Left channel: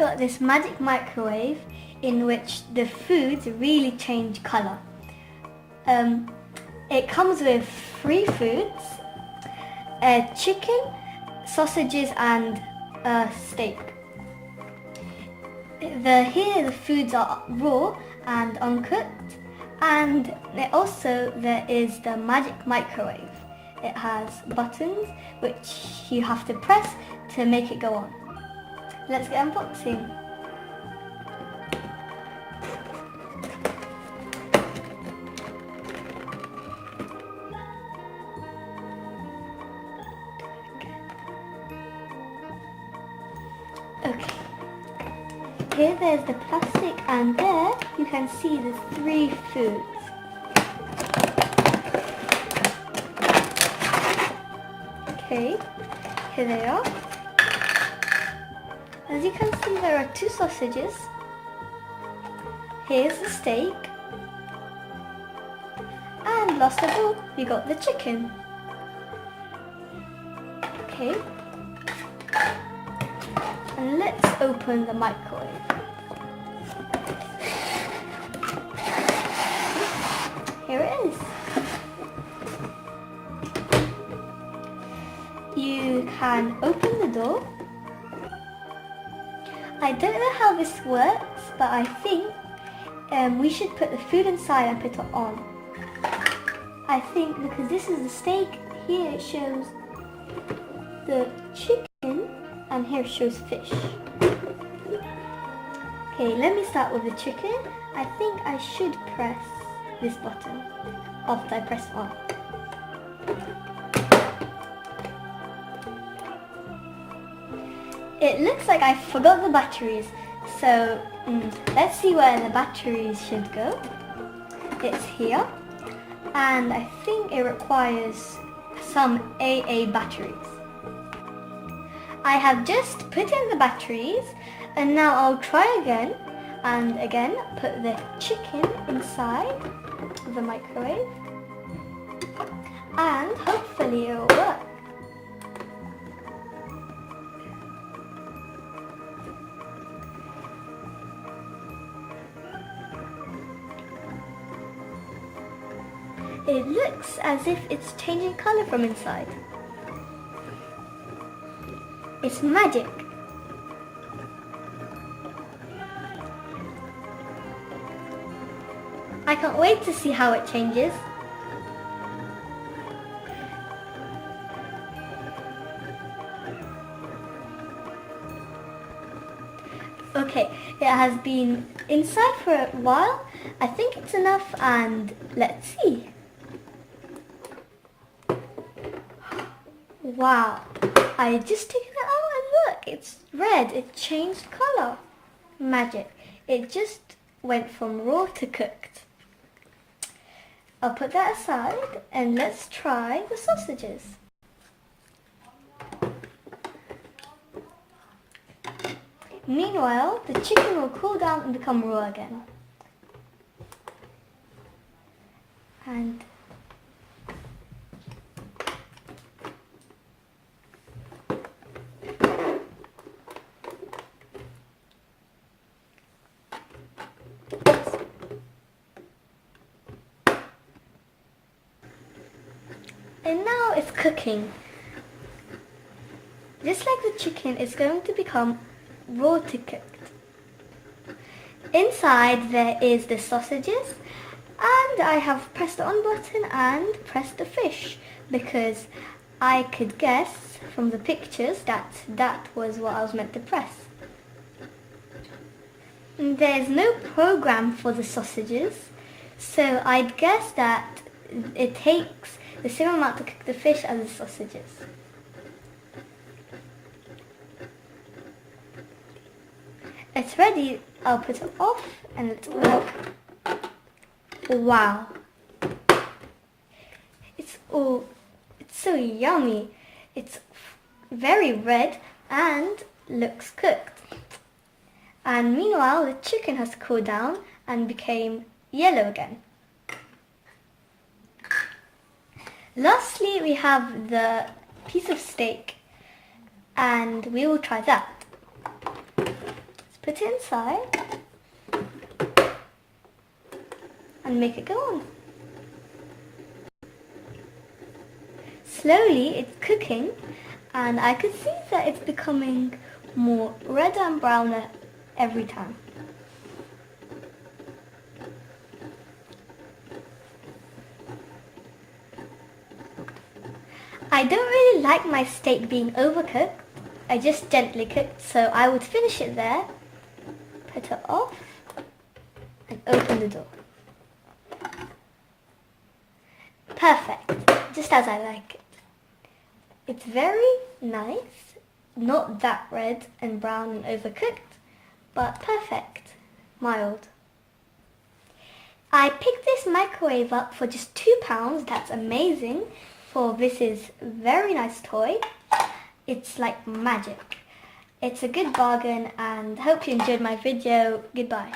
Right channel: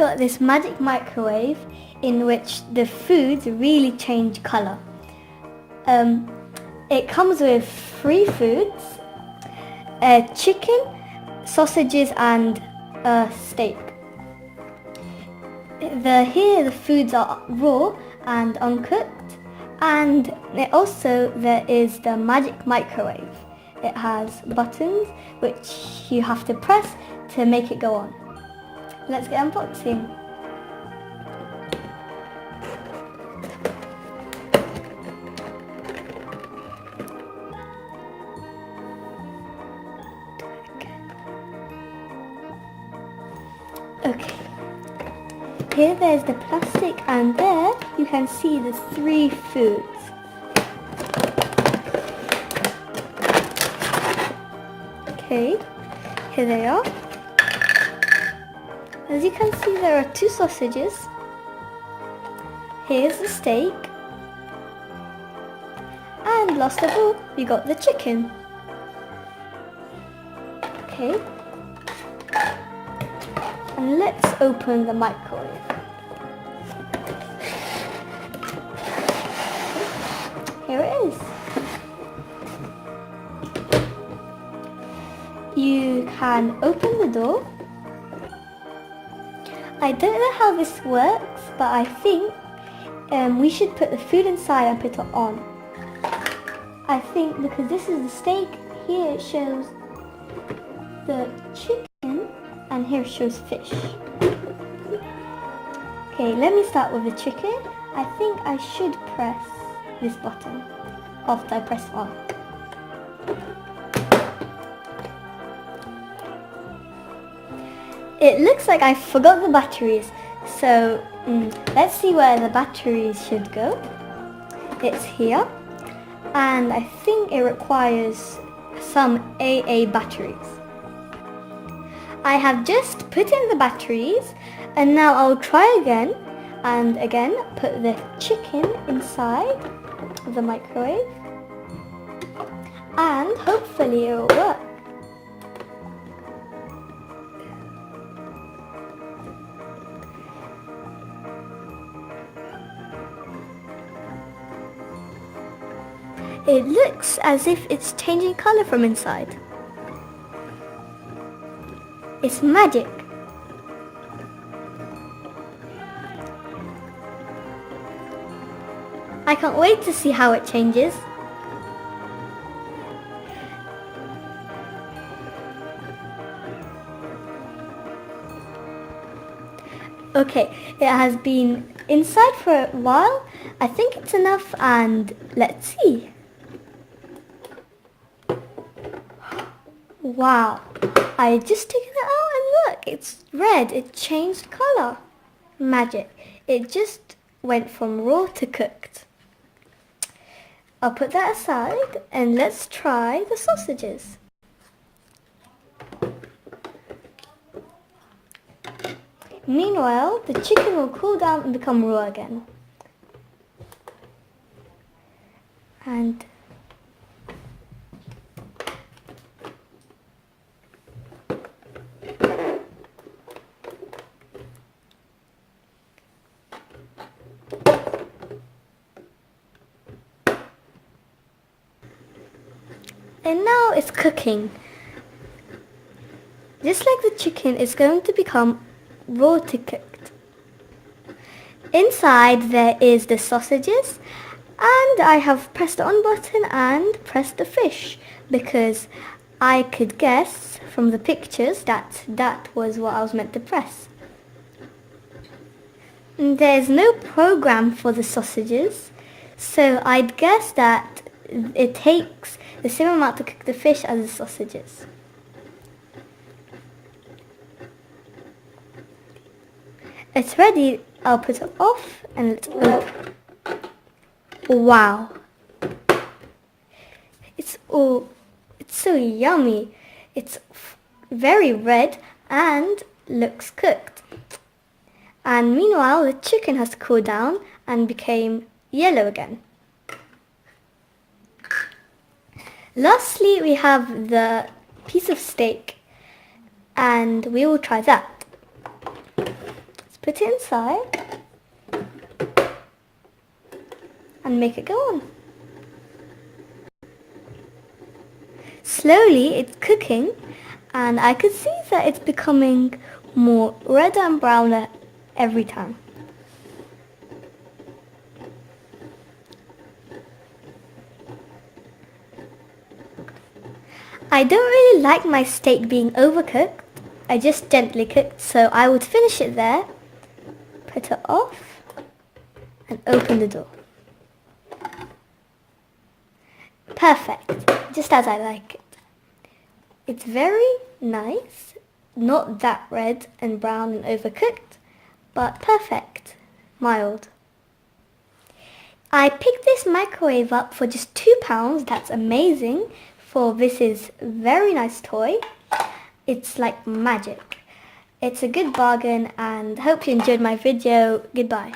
got this magic microwave in which the foods really change colour. It comes with 3 foods, chicken, sausages and a steak. Here the foods are raw and uncooked, and there is the magic microwave. It has buttons which you have to press to make it go on. Let's get unboxing. Okay. Here there's the plastic, and there you can see the 3 foods. Okay, here they are. As you can see, there are 2 sausages. Here's the steak. And last of all, we got the chicken. Okay. And let's open the microwave. Here it is. You can open the door. I don't know how this works, but I think we should put the food inside and put it on. I think because this is the steak, here it shows the chicken and here it shows fish. Okay, let me start with the chicken. I think I should press this button after I press on. It looks like I forgot the batteries, so let's see where the batteries should go. It's here, and I think it requires some AA batteries. I have just put in the batteries, and now I'll try again, and again put the chicken inside the microwave, and hopefully it will work. It looks as if it's changing colour from inside. It's magic. I can't wait to see how it changes. Okay, it has been inside for a while. I think it's enough, and let's see. Wow, I just took it out and look, it's red, it changed colour. Magic, it just went from raw to cooked. I'll put that aside and let's try the sausages. Meanwhile, the chicken will cool down and become raw again. And now it's cooking. Just like the chicken, it's going to become raw to cooked. Inside there is the sausages, and I have pressed the on button and pressed the fish because I could guess from the pictures that that was what I was meant to press. There's no program for the sausages, so I'd guess that it takes the same amount to cook the fish as the sausages. It's ready. I'll put it off and let's open. Wow. It's so yummy. It's very red and looks cooked. And meanwhile, the chicken has cooled down and became yellow again. Lastly, we have the piece of steak, and we will try that. Let's put it inside and make it go on. Slowly it's cooking, and I could see that it's becoming more red and browner every time. I don't really like my steak being overcooked. I just gently cooked, so I would finish it there, put it off, and open the door. Perfect, just as I like it. It's very nice, not that red and brown and overcooked, but perfect, mild. I picked this microwave up for just £2, that's amazing, for this is a very nice toy. It's like magic. It's a good bargain, and hope you enjoyed my video. Goodbye.